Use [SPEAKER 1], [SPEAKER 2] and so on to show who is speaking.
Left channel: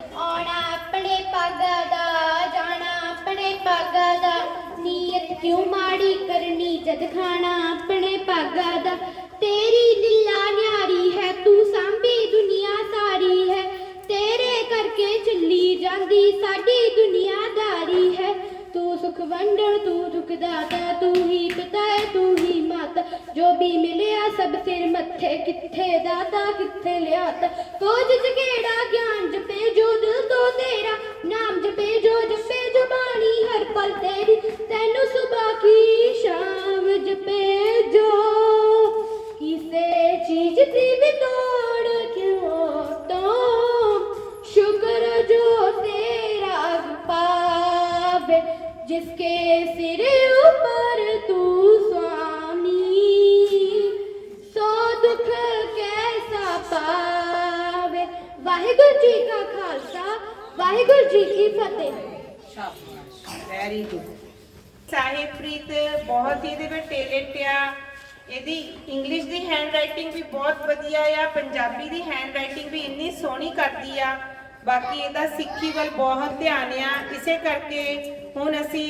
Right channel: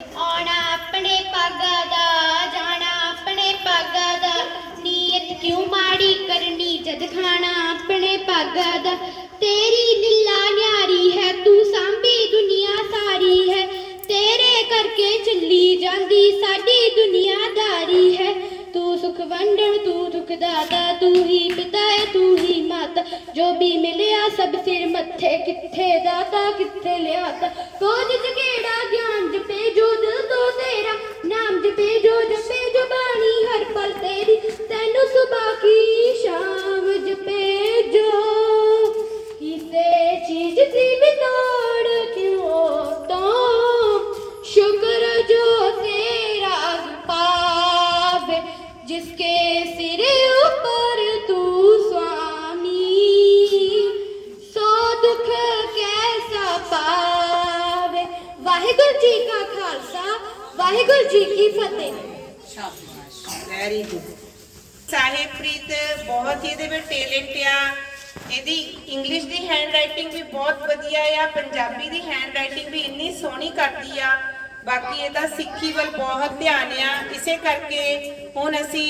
[SPEAKER 1] ਆਉਣਾ ਆਪਣੇ ਪਾਗਾ ਦਾ ਜਾਣਾ ਆਪਣੇ ਪਾਗਾ ਦਾ ਨੀਅਤ ਕਿਉਂ ਮਾੜੀ ਕਰਨੀ ਜਦ ਖਾਣਾ ਆਪਣੇ ਪਾਗਾ ਦਾ ਤੇਰੀ ਲੀਲਾ ਨਿਆਰੀ ਹੈ ਤੂੰ ਸਾਂਭੀ ਦੁਨੀਆ ਸਾਰੀ ਹੈ ਤੇਰੇ ਕਰਕੇ ਚੱਲੀ ਜਾਂਦੀ ਸਾਡੀ ਦੁਨੀਆਦਾਰੀ ਹੈ ਤੂੰ ਸੁਖ ਵੰਡਣ ਤੂੰ ਦੁਖ ਦਾਤਾ ਤੂੰ ਹੀ ਪਿਤਾ ਹੈ ਤੂੰ ਹੀ ਮਾਤਾ ਜੋ ਵੀ ਮਿਲਿਆ ਸਭ ਸਿਰ ਮੱਥੇ ਕਿੱਥੇ ਦਾਤਾ ਕਿੱਥੇ ਲਿਆਤਾ ਕੋਝ ਜਗੇੜਾ ਪਾਵੇ ਜਿਸਕੇ ਸਿਰ ਉੱਪਰ ਤੂੰ ਸੁਆਮੀ ਸੋ ਦੁੱਖ ਕੈਸਾ ਪਾਵੇ ਵਾਹਿਗੁਰੂ ਜੀ ਕਾ ਵਾਹਿਗੁਰੂ ਜੀ ਕੀ ਫਤਿਹ
[SPEAKER 2] ਸ਼ਾਬਾਸ਼ ਵੈਰੀ ਗੁੱਡ ਸਾਹਿਬਪ੍ਰੀਤ ਬਹੁਤ ਹੀ ਇਹਦੇ ਵਿੱਚ ਟੈਲੈਂਟ ਆ ਇਹਦੀ ਇੰਗਲਿਸ਼ ਦੀ ਹੈਂਡ ਰਾਈਟਿੰਗ ਵੀ ਬਹੁਤ ਵਧੀਆ ਆ, ਪੰਜਾਬੀ ਦੀ ਹੈਂਡ ਰਾਈਟਿੰਗ ਵੀ ਇੰਨੀ ਸੋਹਣੀ ਕਰਦੀ ਆ। ਬਾਕੀ ਇਹਦਾ ਸਿੱਖੀ ਵੱਲ ਬਹੁਤ ਧਿਆਨ ਆ। ਇਸੇ ਕਰਕੇ ਹੁਣ ਅਸੀਂ